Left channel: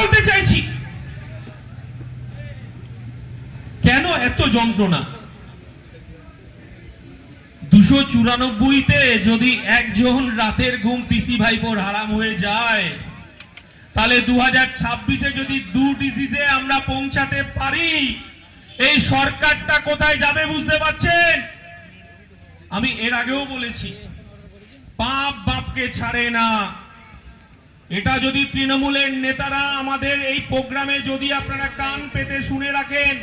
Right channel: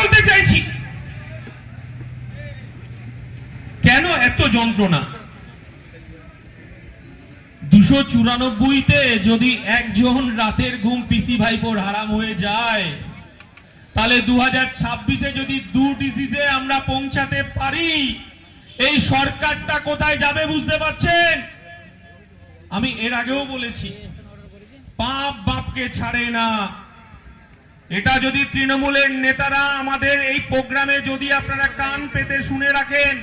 বলতে চাইছি, কেন এত যন্ত্রণা? 294-তে যদি একজন রাতের ঘুম পিসি ভাইপোর হারাম হয়ে যায়, তাহলে 2026-এ যদি 2 ডিজিজে আমরা পৌঁছাতে পারি, এই সরকারটা কোথায় যাবে বুঝতে পারছেন? আমি এর আগেও বলেছি, পাপ বাপকে ছাড়ে না। এটা যদি তৃণমূলের নেতারা আমাদের এই প্রোগ্রামে যদি আপনারা কান পেতে শুনে রাখেন,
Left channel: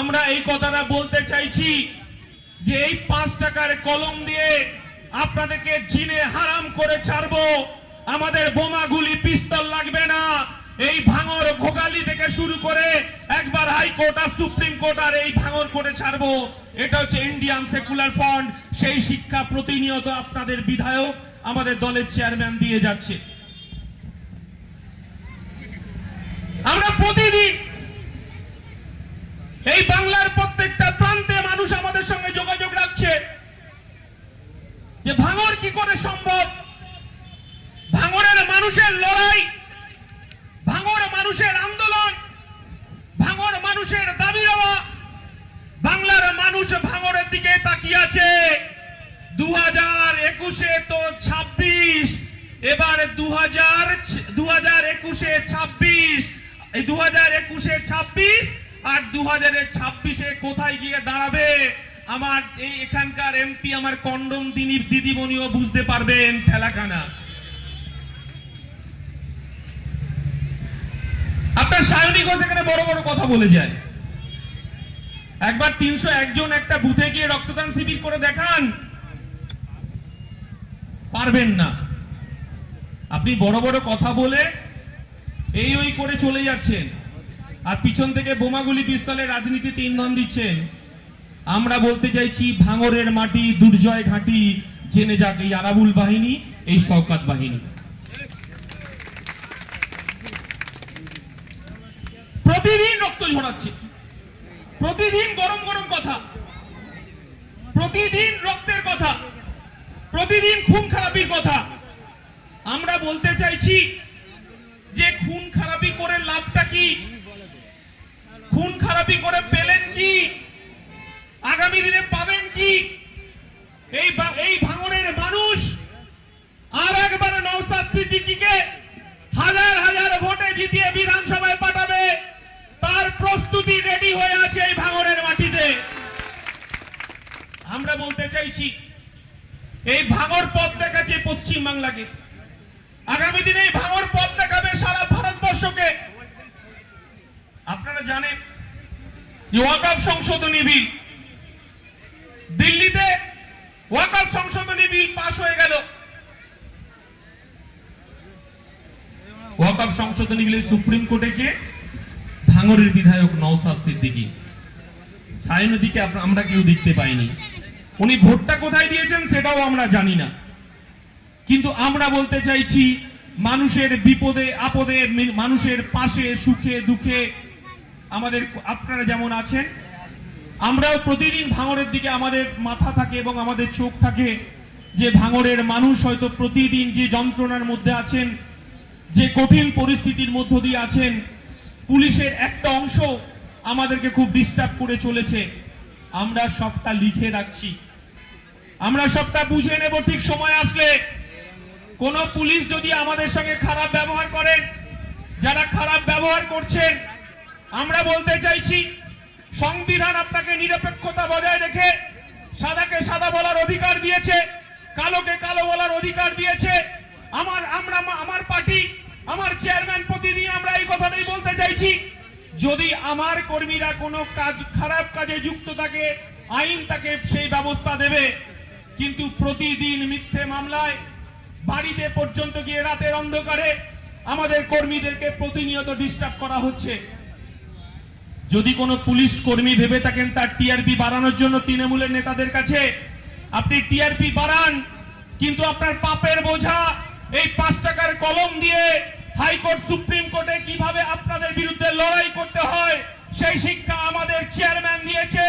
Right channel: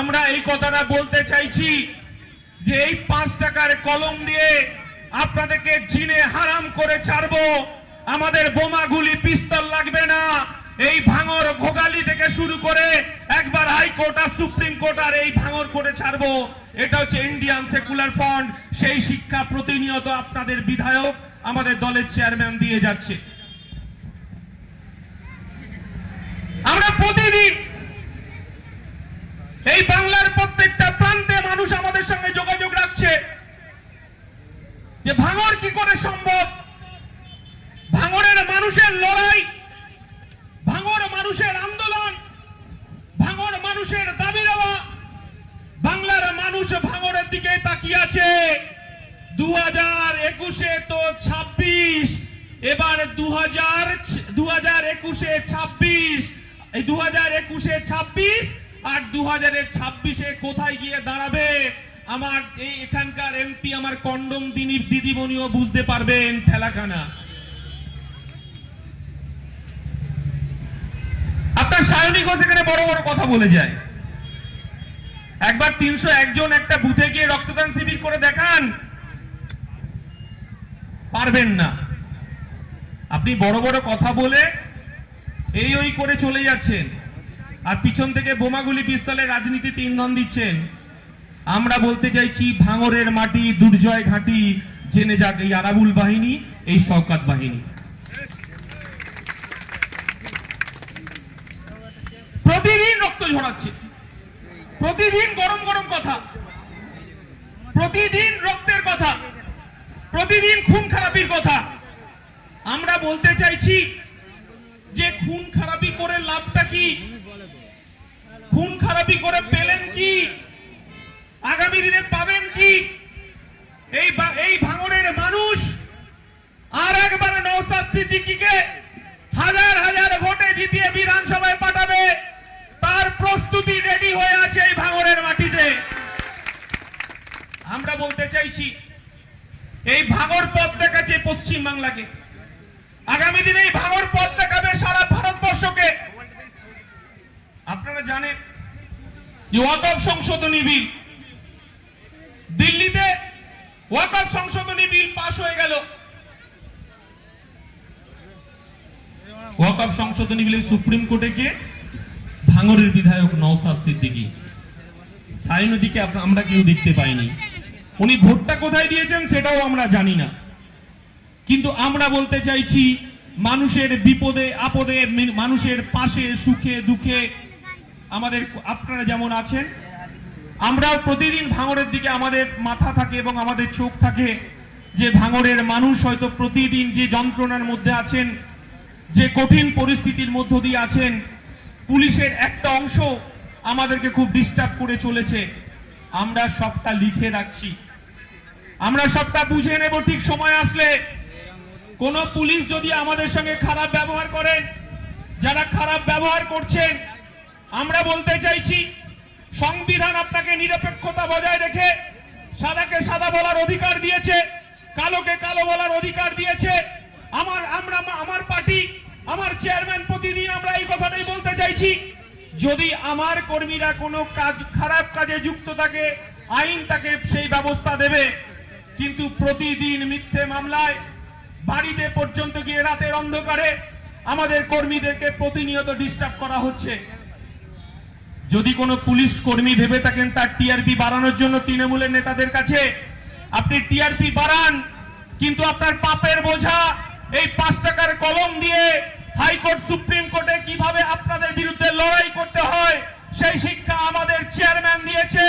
আমরা এই কথাটা বলতে চাইছি যে এই 5 টাকার কলম দিয়ে আপনাদেরকে জিনে হারাম করে ছাড়বো। আমাদের বোমা গুলি পিস্তল লাগবে না। এই ভাঙর ভোগালি থেকে শুরু করে একবার হাইকোর্ট আর সুপ্রিম কোর্ট আর এই ভাঙর করে ছাড়বো। এটা হচ্ছে ইন্ডিয়ান সেকুলার ফ্রন্ট। সেই শিক্ষা প্রতিনিয়ত আপনাদের বিধায়ক, আমাদের দলের চেয়ারম্যান দিয়ে যাচ্ছে। আমরা প্রতিদিন এই বাংলার প্রত্যেকটা প্রান্তে মানুষ আমাদের সঙ্গে যোগাযোগ রাখছে যে ভাঙর কি করে সম্ভব। ভাঙরের মানুষের লড়াই, ভাঙর মানুষের আন্দোলন, ভাঙর মানুষের দাবি দেওয়া, বাংলার মানুষ ভাঙরের দিকে তাকিয়ে আছে। 2021-এ তো 26, এবার 2021-এ 26, এই 2021-এ 26 আর 2026-এ কোথায় গিয়ে দাঁড়াবে আমার এই এখানকার এমপি, আমার কন্ডম দিদিমণিও বুঝতে পারবেন ঠেলাখানা। আপনার সায়নী ঘোষ এখানে বড় বড় কথা বলে যায়। একবার 301 জন একটা বুথে গিয়ে রক্তদান শিবির করে দেখান, পারবেন না। আপনি বড় বড় কথা বলে এই ওই করে চলে যাচ্ছেন, আর পিছন থেকে বোমাগুলি পিস্তলের রাজনীতিতে ইন্ধন দিচ্ছেন। আমরা বলতে চাইছি, ভাঙরের মাটি, দুর্জয় ঘাঁটি জেনে যাক এই আরাবুল বাহিনী, এই শওকত বাহিনী। প্রতিদিন রক্ত ঝরাচ্ছে, প্রতিদিন গরম গরম কথা, প্রতিদিন রক্তের কথা, প্রতিদিন খুন খারাপির কথা। আমরা বলতে চাইছি যে খুন খারাপি করে লাভটা কি? খুন খারাপি করে পেলেন কি? আগামী দিনে পাবেন কি? এই ভাঙড়ের মানুষ আর একবার নওশাদ সিদ্দিকীকে হাজার হাজার ভোটে জিতিয়ে বিধানসভায় পাঠাবে, তার প্রস্তুতি রেডি হয়ে আছে এই ভাঙড়ের মাটিতে। আমরা বলতে চাইছি, এই ভাঙড় পথ দেখাচ্ছে পশ্চিম বাংলাকে, আগামী দিনে এই ভাঙড় পথ দেখাবে সারা ভারতবর্ষকে। আপনারা জানেন ওয়াকফ সংশোধনী বিল, দিল্লিতে ওয়াকফ সংশোধনী বিল পাস হয়ে গেল। ওয়াকফ সংশোধনী বিলে সুপ্রিম কোর্টে কে? ভাঙড়ের বিধায়ক নওশাদ সিদ্দিকী। সায়নদীকে আমরা কেউ দেখতে পাইনি। উনি ভোটটা কোথায় দিয়েছেন সেটাও আমরা জানি না। কিন্তু আমরা বলতে চাইছি, মানুষের বিপদে আপদে, মানুষের পাশে সুখে দুঃখে আমাদের আপনারা যেমন আছেন, আমরাও প্রতিদিন ভাঙড়ের দিকে আমাদের মাথা থাকে এবং আমাদের চোখ থাকে। যে ভাঙড়ের মানুষ হয়তো প্রতিদিন যে যন্ত্রণার মধ্যে আছেন, যে কঠিন পরিস্থিতির মধ্য দিয়ে আছেন, পুলিশের একটা অংশ আমাদেরকে খুব ডিস্টার্ব করে চলেছে। আমরা সবটা লিখে রাখছি, আমরা সবটা বুঝে নেব ঠিক সময় আসলে। কোন পুলিশ যদি আমাদের সঙ্গে খারাপ ব্যবহার করেন, যারা খারাপ ব্যবহার করছেন, আমরা বলতে চাইছি, সংবিধান আপনাকে নিরপেক্ষতা বজায় রেখে সাদাকে সাদা বলার অধিকার দিয়েছে, কালোকে কালো বলার অধিকার দিয়েছে। আমার পার্টি, আমার চেয়ারম্যান প্রতিদিন আমরা এই কথাটাই বলতে চাইছি, যদি আমার কর্মীরা কোনো কাজ খারাপ কাজে যুক্ত থাকে, আইন তাকে সেই ব্যবস্থা দেবে। কিন্তু প্রতিদিন মিথ্যে মামলায় বাড়িতে পর্যন্ত গিয়ে রাতের অন্ধকারে আমাদের কর্মীদেরকে প্রতিনিয়ত ডিস্টার্ব করা হচ্ছে। যদি কোনো পুলিশ কর্মী ভেবে থাকেন তার টিআরপি বাড়ানোর জন্য তৃণমূলের নেতাদের কাছে, আপনি টিআরপি বাড়ান, কিন্তু আপনার পাপের বোঝা এই 5 টাকার কলম দিয়ে হাইকোর্ট সুপ্রিম কোর্টে কিভাবে আপনাদের বিরুদ্ধে লড়াই করতে হয় সেই শিক্ষা আমাদের চেয়ারম্যান দিয়েছে,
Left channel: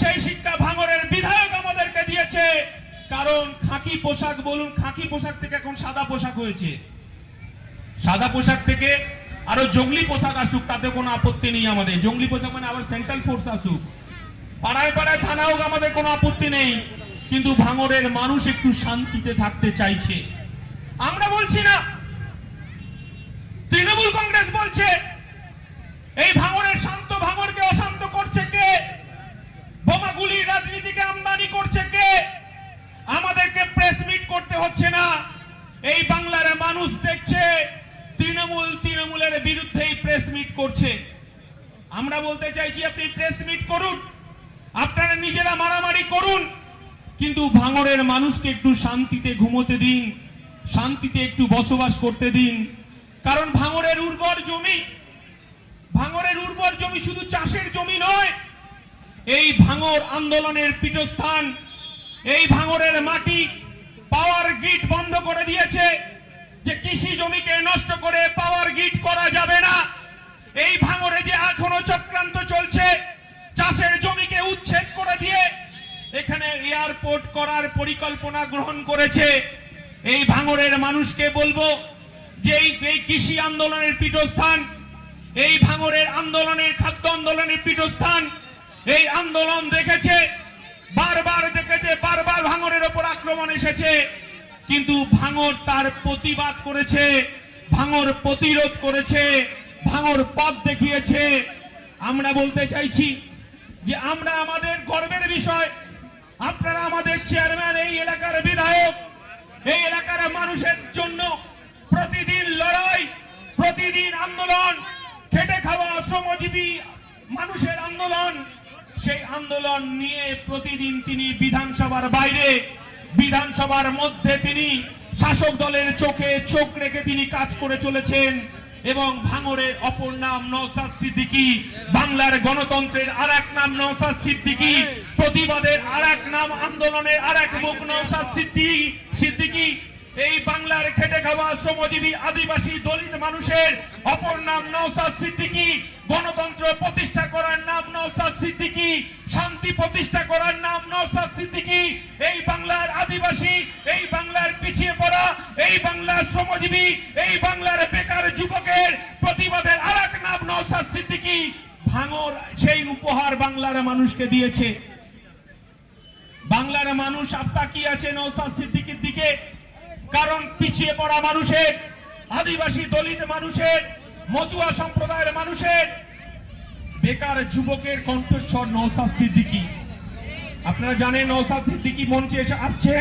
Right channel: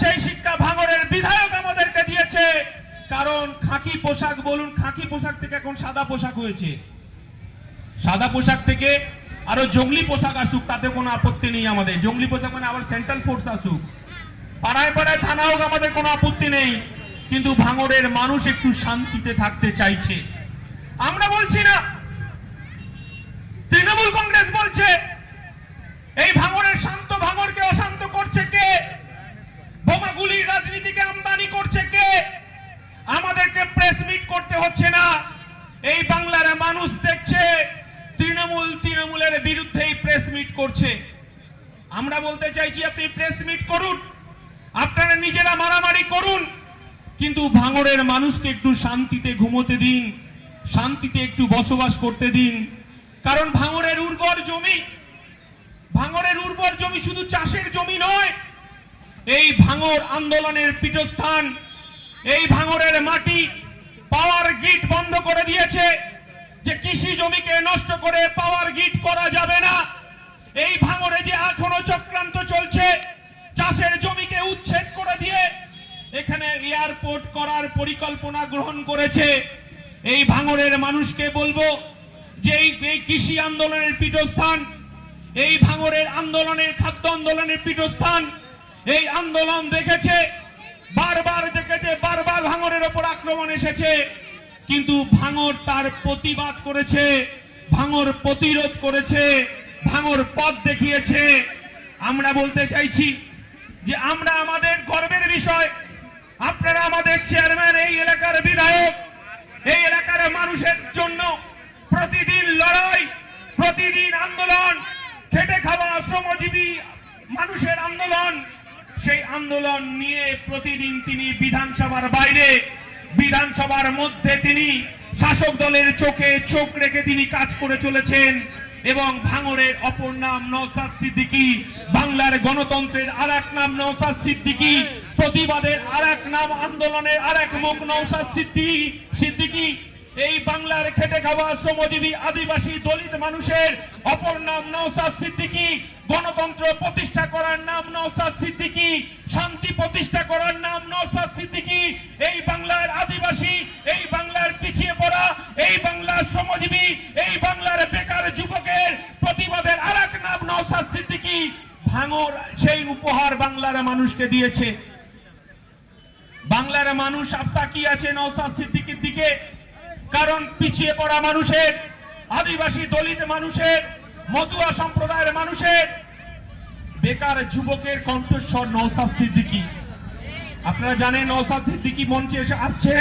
সেই শিক্ষা ভাঙড়ের বিধায়ক আমাদেরকে দিয়েছে। কারণ খাকি পোশাক বলুন, খাকি পোশাক থেকে এখন সাদা পোশাক হয়েছে। সাদা পোশাক থেকে আরো জঙ্গলি পোশাক আসুক, তাতে কোনো আপত্তি নেই আমাদের। জঙ্গলি পোশাক মানে আবার সেন্ট্রাল ফোর্স আসুক, পাড়ায় পাড়ায় থানা হোক, আমাদের কোনো আপত্তি নেই। কিন্তু ভাঙড়ের মানুষ একটু শান্তিতে থাকতে চাইছে। আমরা বলছি না, তৃণমূল কংগ্রেস বলছে। এই ভাঙড়ের শান্ত ভাঙড়কে অশান্ত করছে কে? বোমাগুলি রাজনীতিকে আমদানি করছে কে? আমাদেরকে প্রেস মিট করতে হচ্ছে না, এই বাংলার মানুষ দেখছে তৃণমূলের বিরুদ্ধেই প্রেস মিট করছে। আমরা বলতে চাইছি, আপনি প্রেস মিট করুন, আপনারা নিজেরা মারামারি করুন, কিন্তু ভাঙড়ের মানুষকে একটু শান্তিতে ঘুমোতে দিন, শান্তিতে একটু বসবাস করতে দিন। কারণ ভাঙড়ের উর্বর জমি শুধু চাষের জমি নয়, এই ভাঙড় আন্দোলনের পীঠস্থান। এই ভাঙড়ের মাটি পাওয়ার গ্রিড বন্ধ করে দিয়েছে, যে কৃষি জমিকে নষ্ট করে পাওয়ার গ্রিড করা যাবে না। এই ভাঙড়ে যে এখনো চক্রান্ত চলছে, চাষের জমিকে উচ্ছেদ করে দিয়ে এখানে এয়ারপোর্ট করার পরিকল্পনা গ্রহণ করেছে। এই ভাঙড়ের মানুষকে বলবো যে এই কৃষি আন্দোলনের পীঠস্থান, এই ভাঙড়ের আন্দোলনের খাদ্য আন্দোলনের পীঠস্থান। এই আন্দোলন দেখেছে, বারবার ভাঙড়ের ওপর আক্রমণ এসেছে, কিন্তু ভাঙড় তার প্রতিবাদ করেছে, ভাঙড় প্রতিরোধ করেছে, ভাঙড় পথ দেখিয়েছে। আমরা বলতে চাইছি যে আমরা আমাদের গর্বের বিষয়, আপনারা আমাদের চেয়ারম্যান, এই এলাকার বিধায়ক, এই এলাকার মানুষের জন্য প্রতিদিন লড়াই, প্রতিদিন আন্দোলন, খেটে খাওয়া শ্রমজীবী মানুষের আন্দোলন। সেই আন্দোলন নিয়ে প্রতিদিন তিনি বিধানসভার বাইরে, বিধানসভার মধ্যে তিনি শাসক দলের চোখে চোখ রেখে তিনি কাজ করে চলেছেন। এবং ভাঙড়ের অপর নাম নওশাদ সিদ্দিকী, বাংলার গণতন্ত্রের আরেক নাম নওশাদ সিদ্দিকী, প্রতিবাদের আরেক নাম, আন্দোলনের আরেক মুখ নওশাদ সিদ্দিকী। এই বাংলার খেটে খাওয়া শ্রমজীবী আদিবাসী দলিত মানুষের অপর নাম নওশাদ সিদ্দিকী, গণতন্ত্র প্রতিষ্ঠা করার নাম নওশাদ সিদ্দিকী, শান্তি প্রতিষ্ঠা করার নাম নওশাদ সিদ্দিকী। এই বাংলার আদিবাসী, এই বাংলার পিছিয়ে পড়া, এই বাংলার শ্রমজীবী, এই বাংলার বেকার যুবকের প্রতিবাদের আরেক নাম নওশাদ সিদ্দিকী। ভাঙড় সেই উপহার বাংলার মানুষকে দিয়েছে। বাংলার মানুষ আপনার কি আছে নওশাদ সিদ্দিকীর দিকে? কারণ পিছিয়ে পড়া মানুষের, আদিবাসী দলিত মানুষের, মতুয়া সম্প্রদায়ের মানুষের, বেকার যুবকের কণ্ঠস্বর নওশাদ সিদ্দিকী। আপনারা জানেন নওশাদ সিদ্দিকী মঞ্চে এসে আসছে।